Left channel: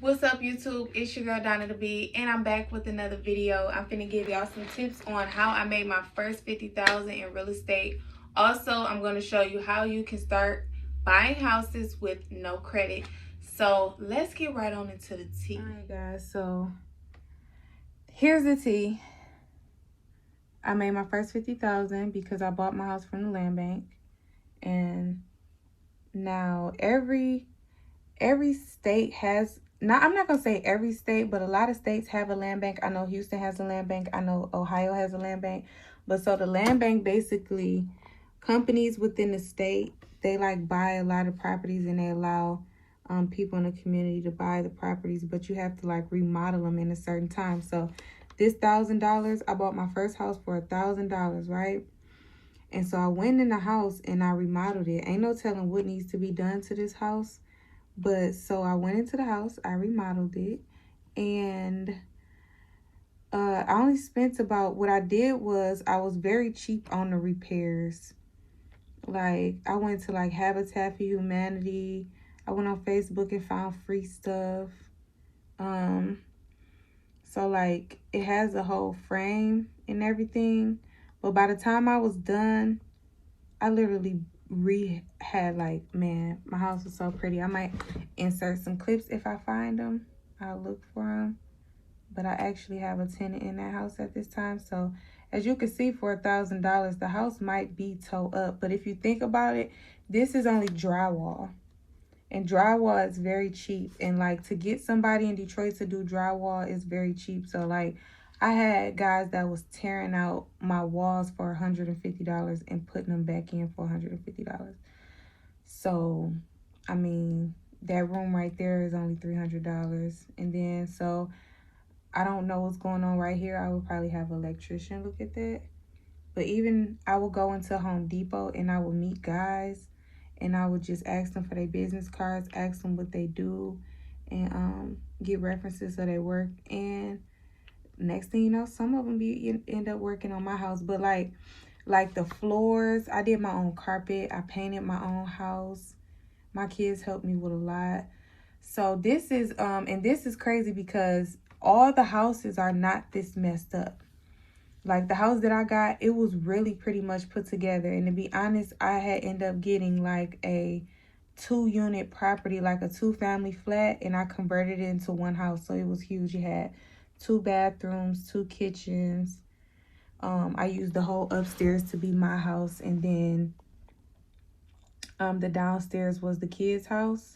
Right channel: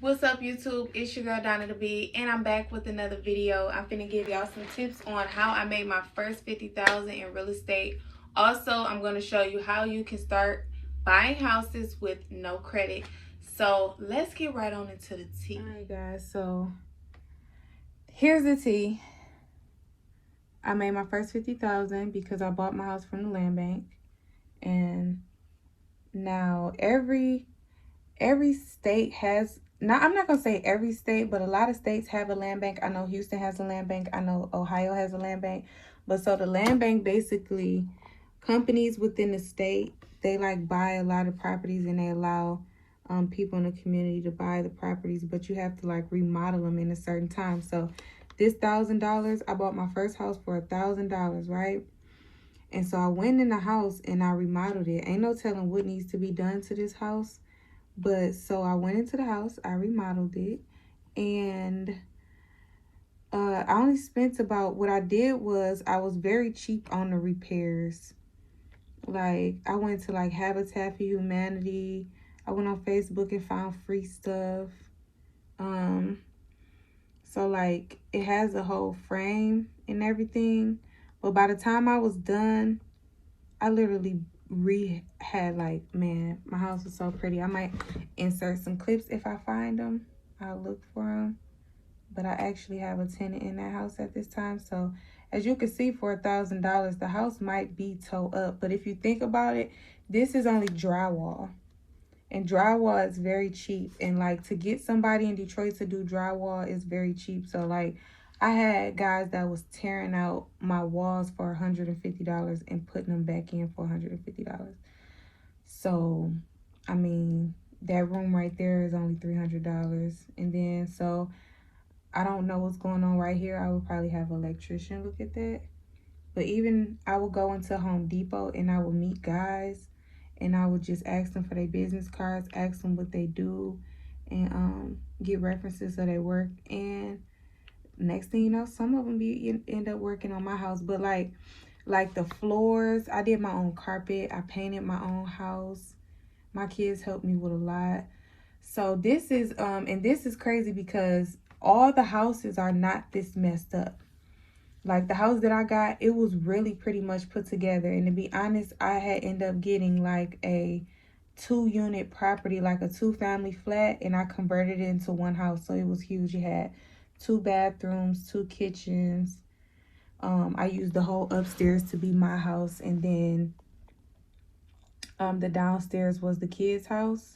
What's up, YouTube? It's your girl Donnathebillionaire, and I'm back with another video. I'm finna give y'all some tips on how I made my first $50,000 in real estate. Also, I'm gonna show you how you can start buying houses with no credit. So let's get right on into the tea. Alright guys, so here's the tea. I made my first $50,000 because I bought my house from the LandBank, and now every state has, I'm not gonna say every state, but a lot of states have a LandBank. I know Houston has a LandBank. I know Ohio has a LandBank. But so the LandBank, basically, companies within the state, they like buy a lot of properties, and they allow people in the community to buy the properties, but you have to like remodel them in a certain time. So this $1,000, I bought my first house for $1,000, right? And so I went in the house and I remodeled it. Ain't no telling what needs to be done to this house. But so I went into the house, I remodeled it, and I only spent about, what I did was I was very cheap on the repairs. Like, I went to like Habitat for Humanity. I went on Facebook and found free stuff. So like it has a whole frame and everything. But by the time I was done, I literally had like, man, my house was so pretty. I might insert some clips if I find them. I'll look for them. But I actually have a tenant in that house at this time. So as you can see, for $1,000, the house might be towed up. But if you think about it, this is only drywall. And drywall is very cheap. And like, to get somebody in Detroit to do drywall is very cheap. So like, I had guys that was tearing out my walls for $150 and putting them back in for $150. So, I mean, that room right there is only $300. And then, so, I don't know what's going on right here. I would probably have an electrician look at that. But even, I would go into Home Depot and I would meet guys, and I would just ask them for their business cards, ask them what they do, and get references of their work. And next thing you know, some of them end up working on my house. But like the floors, I did my own carpet. I painted my own house. My kids helped me with a lot. So this is and this is crazy because all the houses are not this messed up. Like the house that I got, it was really pretty much put together. And to be honest, I had ended up getting like a 2-unit property, like a 2-family flat, and I converted it into one house. So it was huge. It had 2 bathrooms, 2 kitchens. I used the whole upstairs to be my house, and then the downstairs was the kids' house.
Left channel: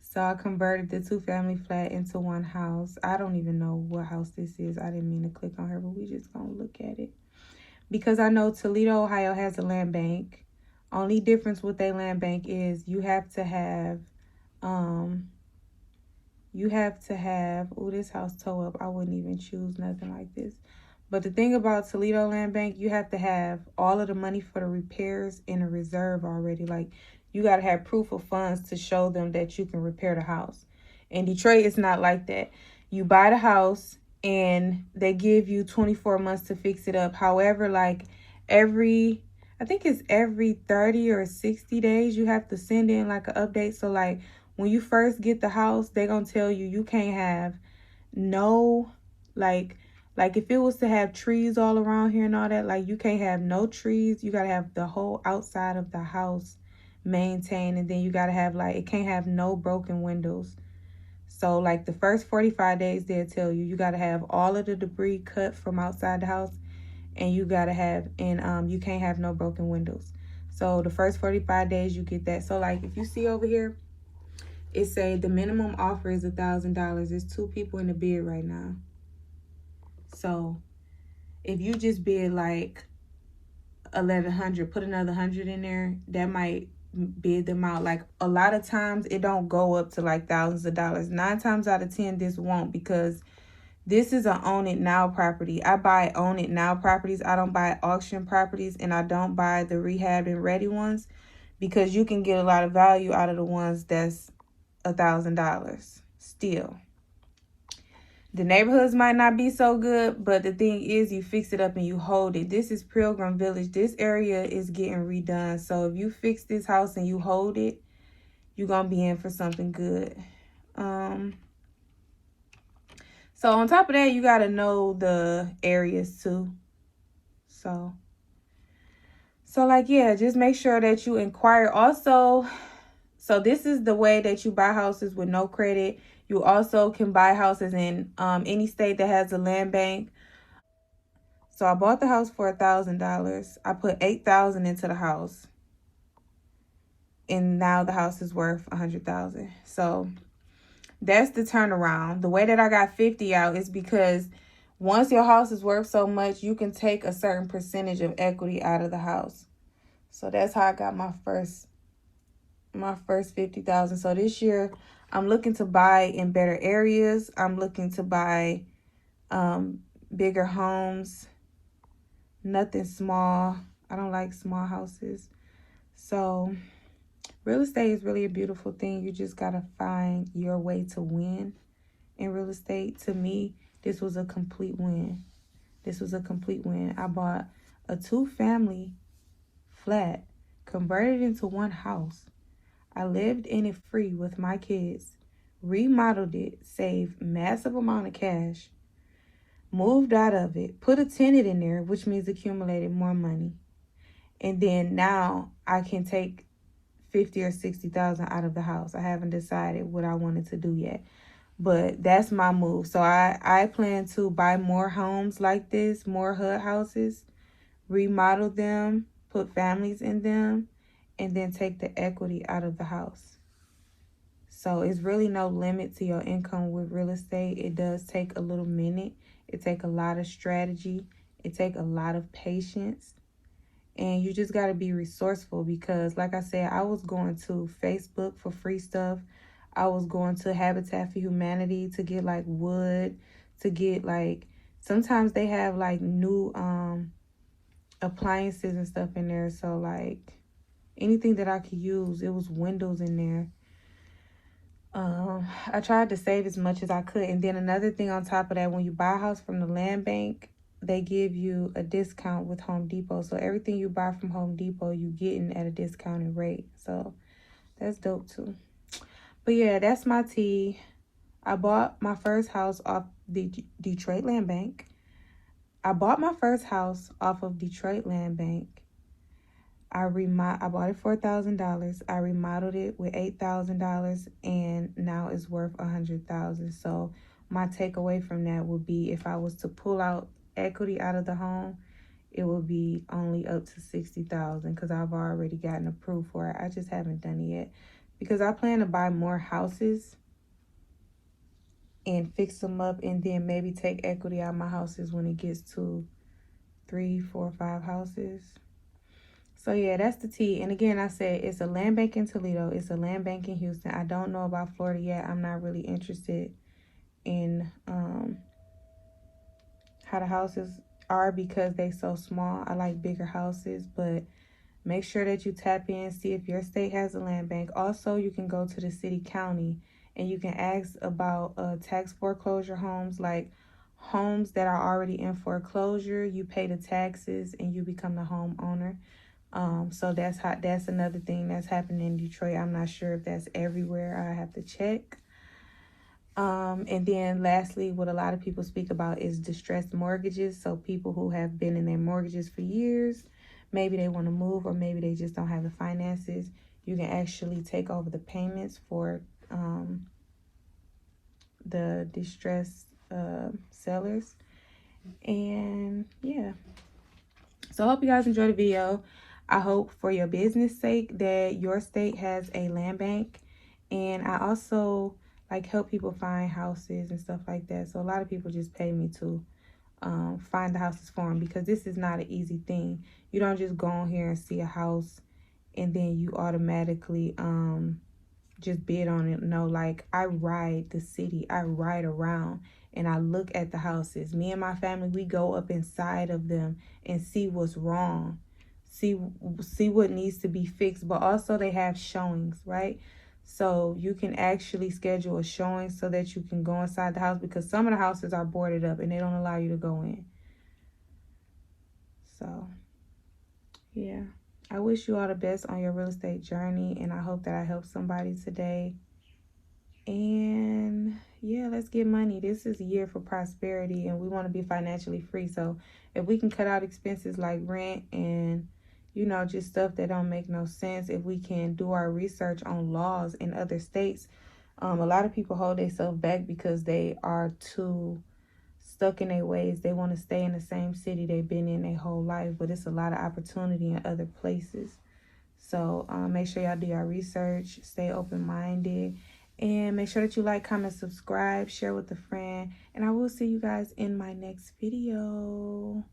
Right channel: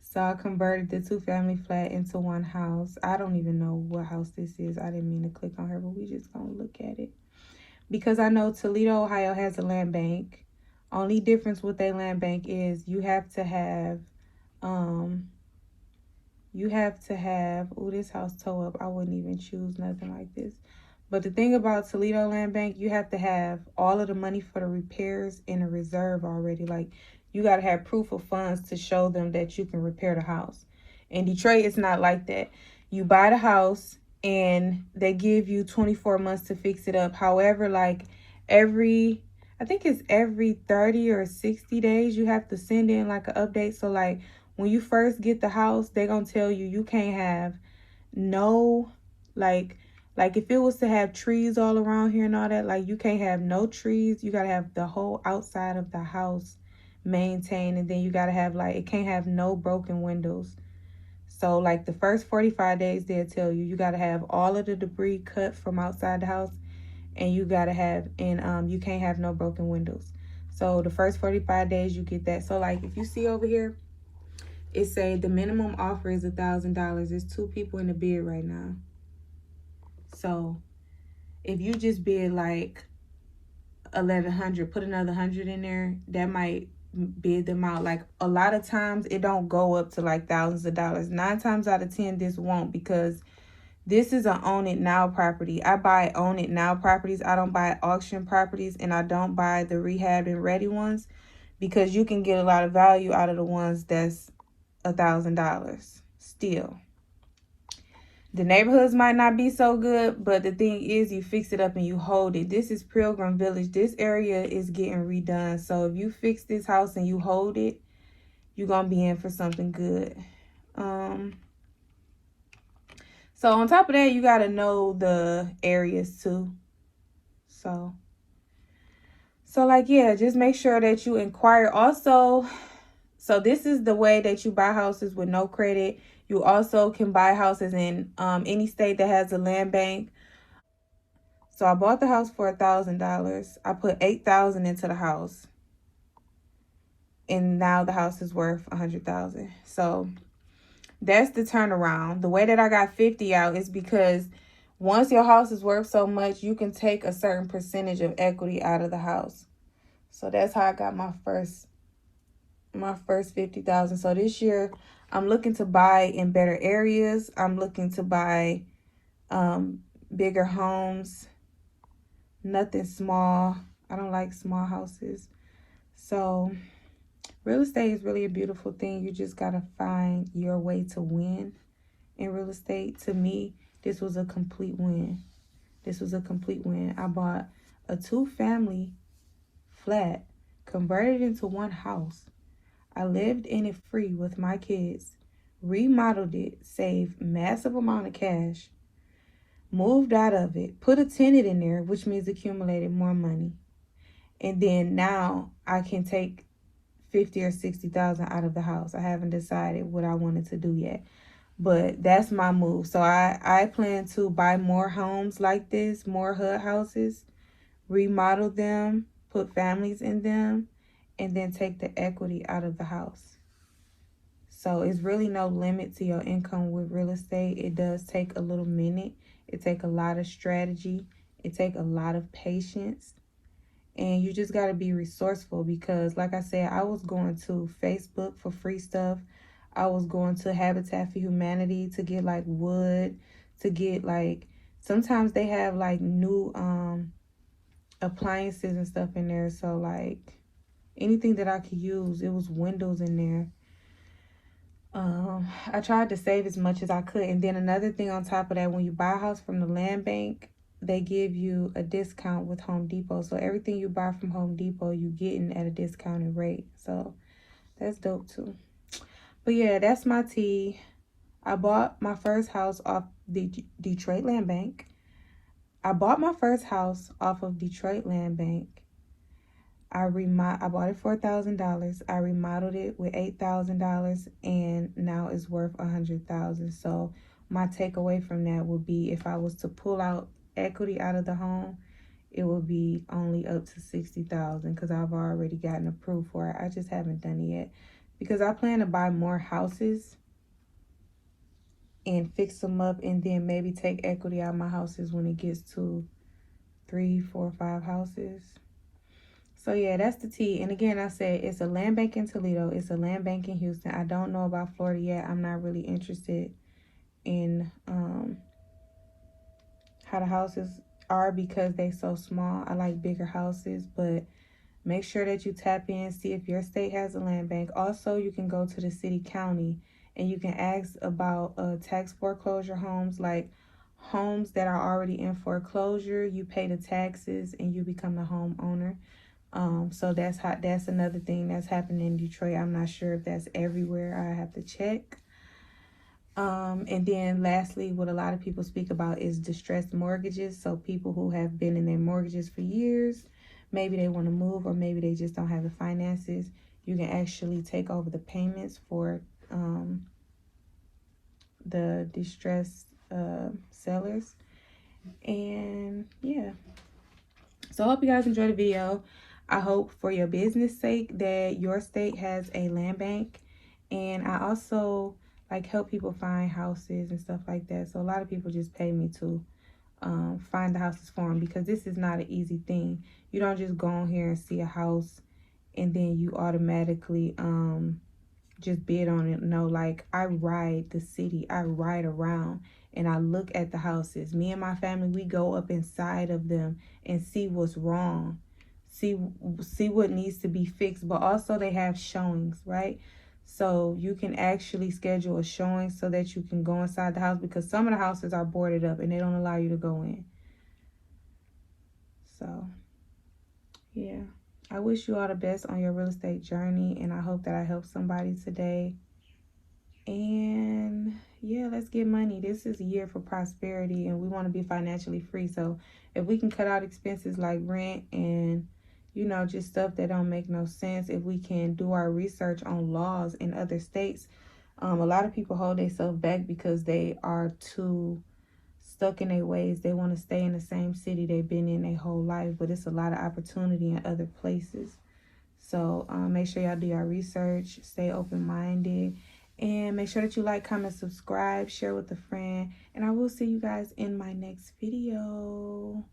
So I converted the 2-family flat into one house. I don't even know what house this is. I didn't mean to click on her, but we just gonna look at it. Because I know Toledo, Ohio has a LandBank. Only difference with their LandBank is you have to have, oh, this house tow up. I wouldn't even choose nothing like this. But the thing about Toledo LandBank, you have to have all of the money for the repairs in a reserve already. Like, you got to have proof of funds to show them that you can repair the house. In Detroit, it's not like that. You buy the house and they give you 24 months to fix it up. However, like I think it's every 30 or 60 days, you have to send in like an update. So like when you first get the house, they're going to tell you you can't have no, like if it was to have trees all around here and all that, like you can't have no trees. You got to have the whole outside of the house maintained, and then you got to have like, it can't have no broken windows. So like the first 45 days, they'll tell you, you got to have all of the debris cut from outside the house, and you got to have, and you can't have no broken windows. So the first 45 days, you get that. So like if you see over here, it say the minimum offer is $1,000. There's 2 people in the bid right now. So if you just bid like 1,100, put another 100 in there, that might bid them out. Like a lot of times it don't go up to like thousands of dollars. 9 times out of 10 this won't, because this is an own it now property. I buy own it now properties. I don't buy auction properties, and I don't buy the rehab and ready ones, because you can get a lot of value out of the ones that's $1,000 still. The neighborhoods might not be so good, but the thing is, you fix it up and you hold it. This is Pilgrim Village. This area is getting redone. So if you fix this house and you hold it, you're going to be in for something good. So on top of that, you got to know the areas too. So like, yeah, just make sure that you inquire. Also, so this is the way that you buy houses with no credit. You also can buy houses in any state that has a land bank. So I bought the house for $1,000. I put $8,000 into the house, and now the house is worth $100,000. So that's the turnaround. The way that I got 50 out is because once your house is worth so much, you can take a certain percentage of equity out of the house. So that's how I got my first 50,000. So this year I'm looking to buy in better areas. I'm looking to buy bigger homes, nothing small. I don't like small houses. So real estate is really a beautiful thing. You just gotta find your way to win in real estate. To me, this was a complete win. This was a complete win. I bought a 2-family flat, converted into one house. I lived in it free with my kids, remodeled it, saved massive amount of cash, moved out of it, put a tenant in there, which means accumulated more money. And then now I can take 50 or 60,000 out of the house. I haven't decided what I wanted to do yet, but that's my move. So I plan to buy more homes like this, more HUD houses, remodel them, put families in them, and then take the equity out of the house. So it's really no limit to your income with real estate. It does take a little minute. It takes a lot of strategy. It takes a lot of patience. And you just got to be resourceful because, like I said, I was going to Facebook for free stuff. I was going to Habitat for Humanity to get like wood, to get like, sometimes they have like new appliances and stuff in there. So like anything that I could use, it was windows in there. I tried to save as much as I could. And then another thing on top of that, when you buy a house from the land bank, they give you a discount with Home Depot. So everything you buy from Home Depot, you getting at a discounted rate. So that's dope too. But yeah, that's my tea. I bought my first house off the Detroit Land Bank. I bought my first house off of Detroit Land Bank. I bought it for $1,000. I remodeled it with $8,000, and now it's worth $100,000. So my takeaway from that would be, if I was to pull out equity out of the home, it would be only up to $60,000 because I've already gotten approved for it. I just haven't done it yet because I plan to buy more houses and fix them up, and then maybe take equity out of my houses when it gets to 3, 4, 5 houses. So yeah, that's the tea. And again, I said it's a land bank in Toledo. It's a land bank in Houston. I don't know about Florida yet. I'm not really interested in how the houses are because they're so small. I like bigger houses, but make sure that you tap in, see if your state has a land bank. Also, you can go to the city, county, and you can ask about tax foreclosure homes, like homes that are already in foreclosure. You pay the taxes and you become the homeowner. So that's another thing that's happening in Detroit. I'm not sure if that's everywhere. I have to check. And then lastly, what a lot of people speak about is distressed mortgages. So people who have been in their mortgages for years, maybe they want to move, or maybe they just don't have the finances. You can actually take over the payments for the distressed sellers. And yeah, so I hope you guys enjoyed the video. I hope for your business sake that your state has a land bank. And I also like help people find houses and stuff like that. So a lot of people just pay me to find the houses for them, because this is not an easy thing. You don't just go on here and see a house and then you automatically just bid on it. No, like I ride the city, I ride around and I look at the houses. Me and my family, we go up inside of them and see what's wrong, see what needs to be fixed. But also they have showings, right? So you can actually schedule a showing so that you can go inside the house, because some of the houses are boarded up and they don't allow you to go in. So yeah, I wish you all the best on your real estate journey, and I hope that I helped somebody today. And let's get money. This is a year for prosperity, and we want to be financially free. So if we can cut out expenses like rent and, you know, just stuff that don't make no sense, if we can do our research on laws in other states. A lot of people hold themselves back because they are too stuck in their ways. They want to stay in the same city they've been in their whole life, but it's a lot of opportunity in other places. So make sure y'all do your research, stay open-minded, and make sure that you like, comment, subscribe, share with a friend, and I will see you guys in my next video.